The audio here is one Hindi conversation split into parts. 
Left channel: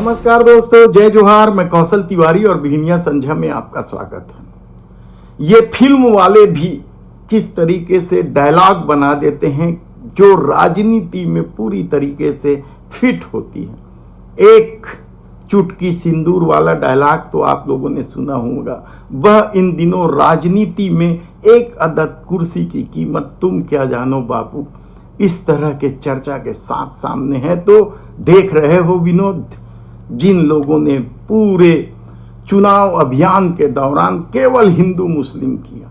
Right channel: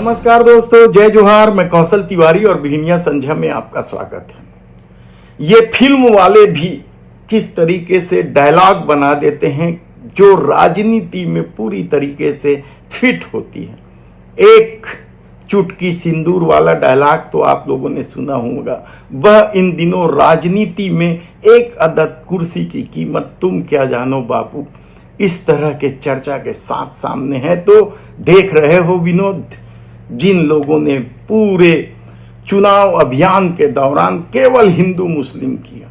नमस्कार दोस्तों, जय जोहार। मैं कौशल तिवारी और बिहनिया संझा में आपका स्वागत है। ये फिल्म वाले भी किस तरीके से डायलॉग बना देते हैं जो राजनीति में पूरी तरीके से फिट होती है। एक चुटकी सिंदूर वाला डायलॉग तो आप लोगों ने सुना होगा। वह इन दिनों राजनीति में एक अदद कुर्सी की कीमत तुम क्या जानो बापू, इस तरह के चर्चा के साथ सामने है। तो देख रहे हो विनोद, जिन लोगों ने पूरे चुनाव अभियान के दौरान केवल हिंदू मुस्लिम किया,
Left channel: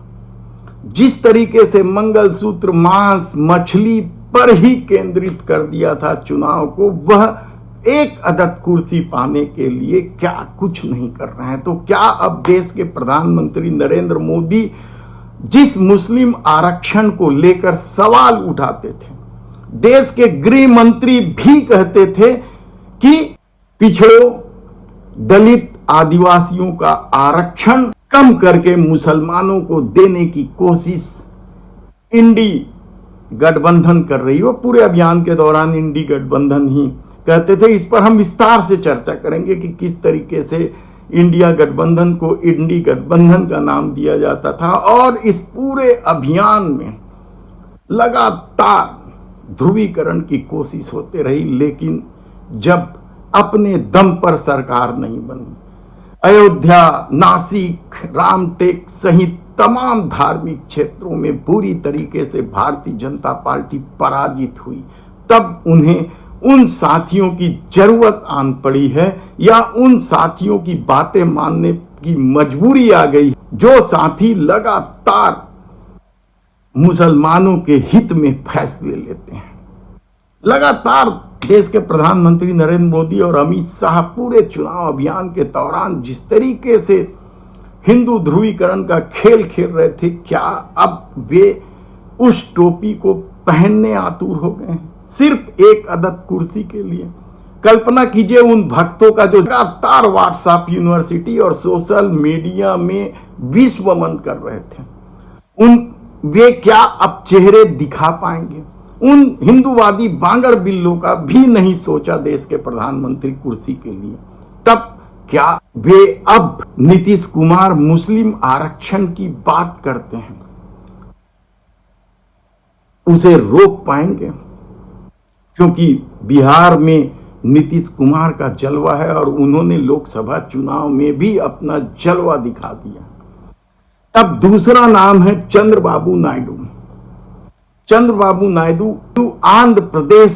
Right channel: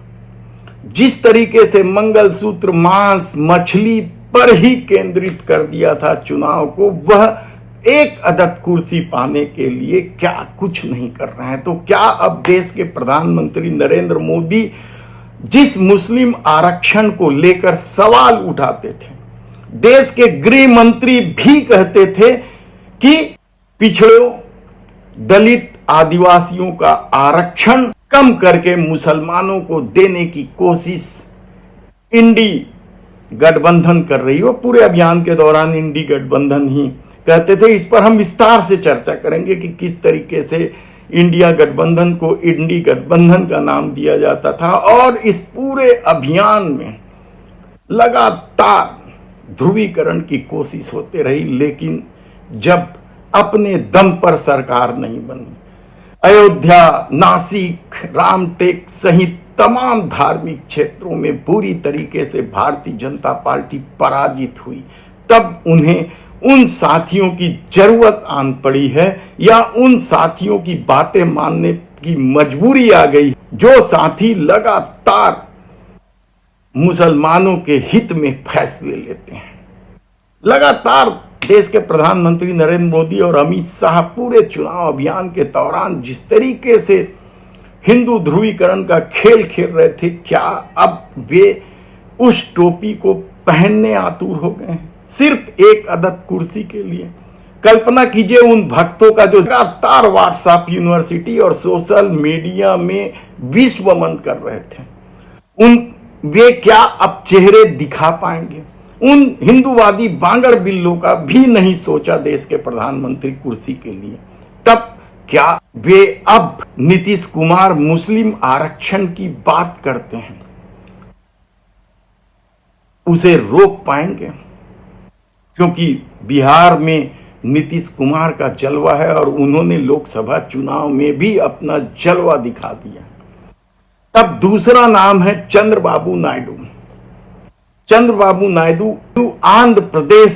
जिस तरीके से मंगलसूत्र, मांस, मछली पर ही केंद्रित कर दिया था चुनाव को, वह एक अदद कुर्सी पाने के लिए क्या कुछ नहीं कर रहे हैं। तो क्या अब देश के प्रधानमंत्री नरेंद्र मोदी जिस मुस्लिम आरक्षण को लेकर सवाल उठाते थे, देश के गृह मंत्री भी कहते थे कि पिछड़ों, दलित, आदिवासियों का आरक्षण कम करके मुसलमानों को देने की कोशिश इंडी गठबंधन कर रही हो। पूरे अभियान के दौरान इंडी गठबंधन ही कहते थे। इस पर हम विस्तार से चर्चा करेंगे कि किस तरीके से इंडिया गठबंधन को इंडी गठबंधन का नाम दिया जाता था और इस पूरे अभियान में लगातार ध्रुवीकरण की कोशिश होते रही, लेकिन जब अपने दम पर सरकार नहीं बनी, अयोध्या, नासिक, रामटेक सहित तमाम धार्मिक क्षेत्रों में बुरी तरीके से भारतीय जनता पार्टी पराजित हुई, तब उन्हें उन साथियों की जरूरत आन पड़ी है या उन साथियों की बातें मानने की मजबूरी आ गई जो साथी लगातार मुसलमानों के हित में फैसले लेते हैं। लगातार देश के प्रधानमंत्री नरेंद्र मोदी और अमित शाह पूरे चुनाव अभियान के दौरान जिस तरीके से हिंदू ध्रुवीकरण का खेल खेल रहे थे, क्या अब वे उस टोपी को पहनने आतुर हो गए हैं सिर्फ एक अदद कुर्सी के लिए? कल्पना कीजिए उन भक्तों का जो लगातार व्हाट्सएप, यूनिवर्सिटी और सोशल मीडिया में विश्वमन कर रहे थे, वे क्या अब चेहरे दिखा पाएंगे? उन हिंदूवादी बांगड़ बिल्लों का भी नहीं सोचा देश के प्रधानमंत्री कुर्सी के लिए, तब क्या वे अब नीतीश कुमार मुस्लिम आरक्षण की बात करते हैं, उसे रोक पाएंगे? क्योंकि बिहार में नीतीश कुमार का जलवा है और उन्होंने लोकसभा चुनाव में भी अपना जलवा दिखा दिया। तब दूसरा नाम है चंद्रबाबू नायडू। चंद्रबाबू नायडू आंध्र प्रदेश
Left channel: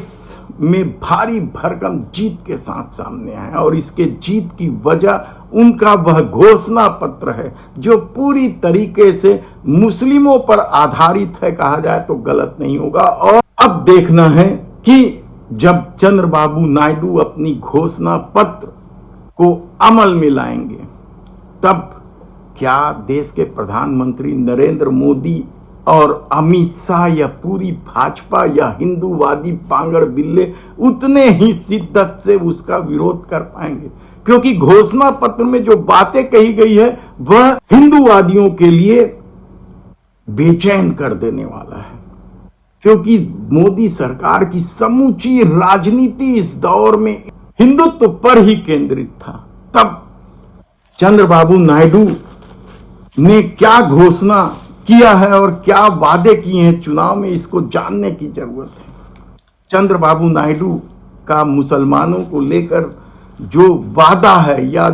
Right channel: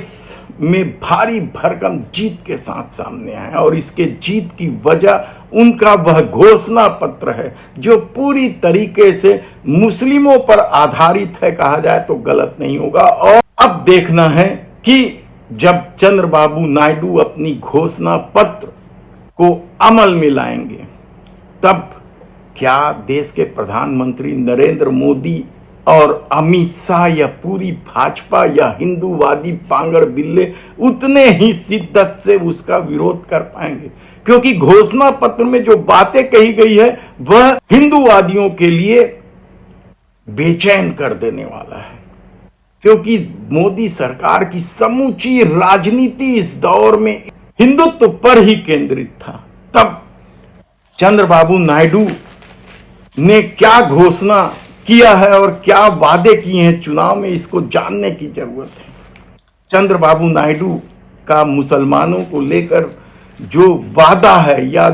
में भारी भरकम जीत के साथ सामने आए और इसके जीत की वजह उनका वह घोषणा पत्र है जो पूरी तरीके से मुस्लिमों पर आधारित है, कहा जाए तो गलत नहीं होगा। और अब देखना है कि जब चंद्रबाबू नायडू अपनी घोषणा पत्र को अमल में लाएंगे, तब क्या देश के प्रधानमंत्री नरेंद्र मोदी और अमित शाह या पूरी भाजपा या हिंदूवादी पांगड़ बिल्ले उतने ही शिद्दत से उसका विरोध कर पाएंगे? क्योंकि घोषणा पत्र में जो बातें कही गई है वह हिंदूवादियों के लिए बेचैन कर देने वाला है, क्योंकि मोदी सरकार की समूची राजनीति इस दौर में हिंदुत्व पर ही केंद्रित था। तब चंद्रबाबू नायडू ने क्या घोषणा किया है और क्या वादे किए हैं चुनाव में, इसको जानने की जरूरत है। चंद्रबाबू नायडू का मुसलमानों को लेकर जो वादा है या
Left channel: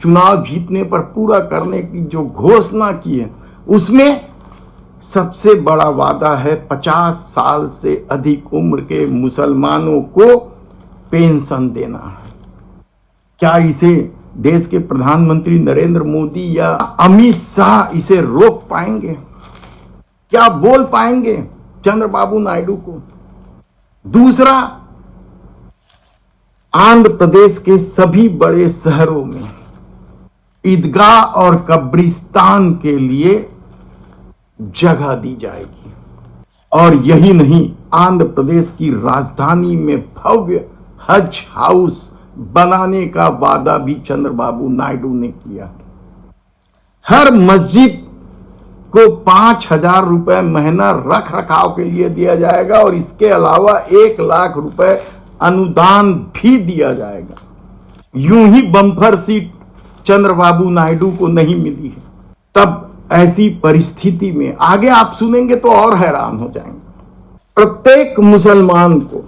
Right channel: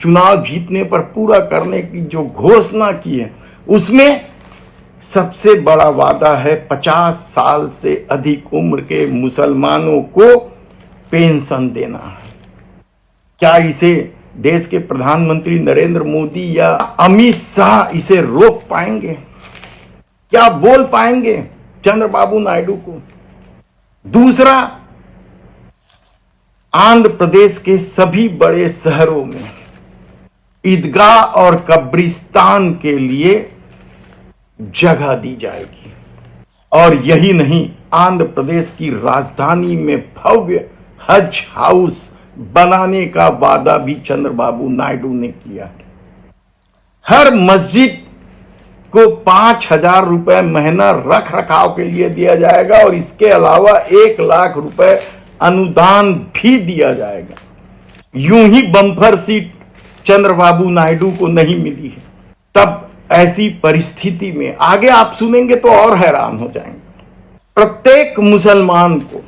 चुनाव जीतने पर पूरा करने की जो घोषणा की है, उसमें सबसे बड़ा वादा है 50 साल से अधिक उम्र के मुसलमानों को पेंशन देना। क्या इसे देश के प्रधानमंत्री नरेंद्र मोदी या अमित शाह इसे रोक पाएंगे? क्या बोल पाएंगे चंद्रबाबू नायडू को? दूसरा, आंध्र प्रदेश के सभी बड़े शहरों में ईदगाह और कब्रिस्तान के लिए जगह दी जाएगी। और यही नहीं, आंध्र प्रदेश की राजधानी में भव्य हज हाउस बनाने का वादा भी चंद्रबाबू नायडू ने किया है। हर मस्जिद को 5,000 रुपए महीना रख रखाव के लिए दिया जाएगा और इसके अलावा 1 लाख रुपए अनुदान भी दिया जाएगा। यूं ही बम्पर सीट चंद्रबाबू नायडू को नहीं मिली है। तब ऐसी परिस्थिति में आगे आप सुनेंगे तो और हैरान हो जाएंगे। प्रत्येक मुसलमान को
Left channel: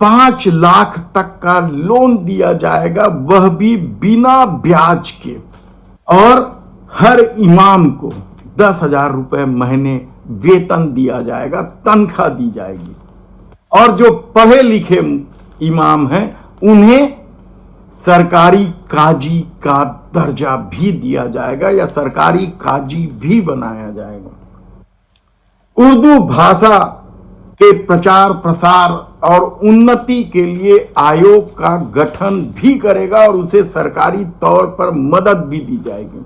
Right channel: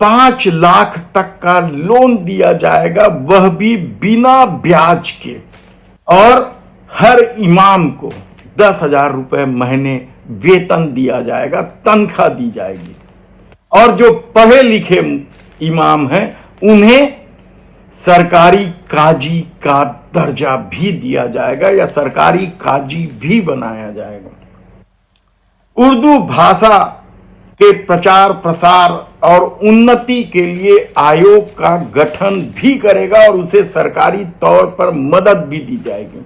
5 लाख तक का लोन दिया जाएगा, वह भी बिना ब्याज के, और हर इमाम को 10,000 रुपए महीने वेतन दिया जाएगा, तनख्वाह दी जाएगी। और जो पढ़े लिखे इमाम हैं उन्हें सरकारी काजी का दर्जा भी दिया जाएगा या सरकारी काजी भी बनाया जाएगा। उर्दू भाषा के प्रचार प्रसार और उन्नति के लिए आयोग का गठन भी करेगा और उसे सरकारी तौर पर मदद भी दी जाएगी।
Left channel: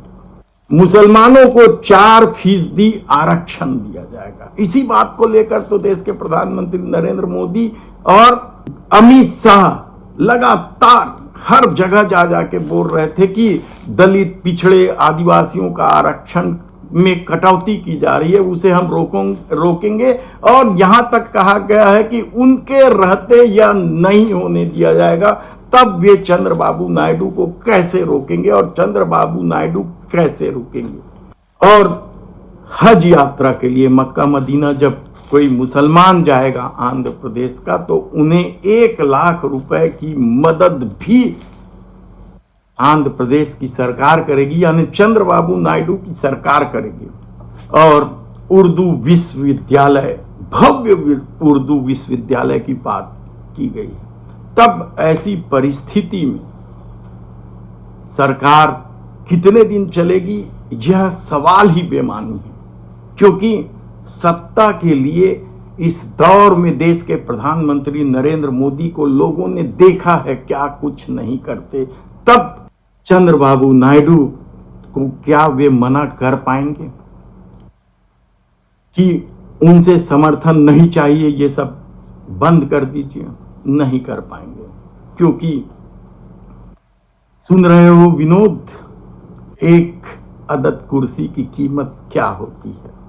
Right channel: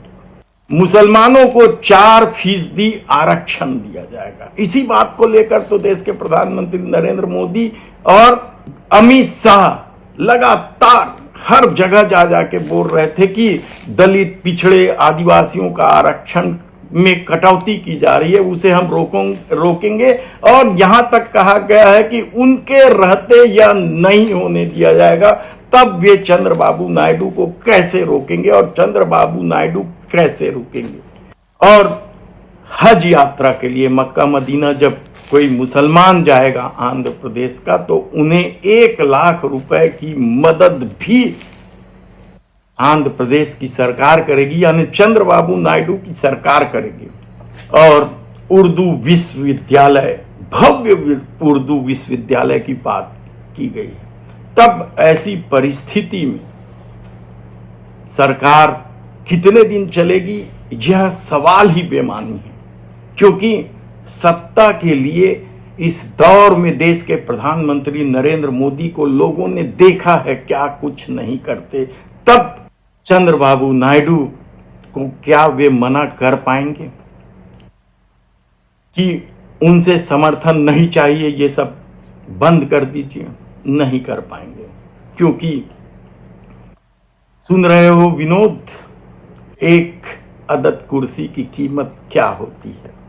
मुसलमानों को 4% आरक्षण दिया जाएगा। इसी बात को लेकर तो देश के प्रधानमंत्री नरेंद्र मोदी और अमित शाह लगातार हर जगह जा जाके बोल रहे थे कि दलित, पिछड़े, आदिवासियों का आरक्षण में कटौती की जा रही है, उसे हम रोकेंगे। और यहां तक कहा गया है कि उनके रहते या नहीं होने दिया जाएगा। तब वे चंद्रबाबू नायडू को कैसे रोकेंगे और चंद्रबाबू नायडू कैसे रुकेंगे। और हज यात्रा के लिए मक्का मदीना जब कोई मुसलमान जाएगा आंध्र प्रदेश का, तो उन्हें 1 लाख रुपए की मदद भी आंध्र प्रदेश की सरकार करेगी, यानी चंद्रबाबू नायडू की सरकार करेगी। और उर्दू विश्वविद्यालय, भव्य उर्दू विश्वविद्यालय की बात की गई। तब ऐसी परिस्थिति में सरकार कितने दिन चलेगी, यह सवाल ही बेमानी है, क्योंकि सत्ता के लिए इस दौर में देश के प्रधानमंत्री नरेंद्र मोदी को लोगों ने देखा है क्या कुछ नहीं करते। तब चंद्रबाबू नायडू को क्या वे मना कर पाएंगे कि उनसे समर्थन नहीं चाहिए, ये सब बंद कर दीजिए? नहीं कर पाएंगे, क्योंकि सुन रहे हो विनोद, एक अदद कुर्सी की कीमत क्या होती है।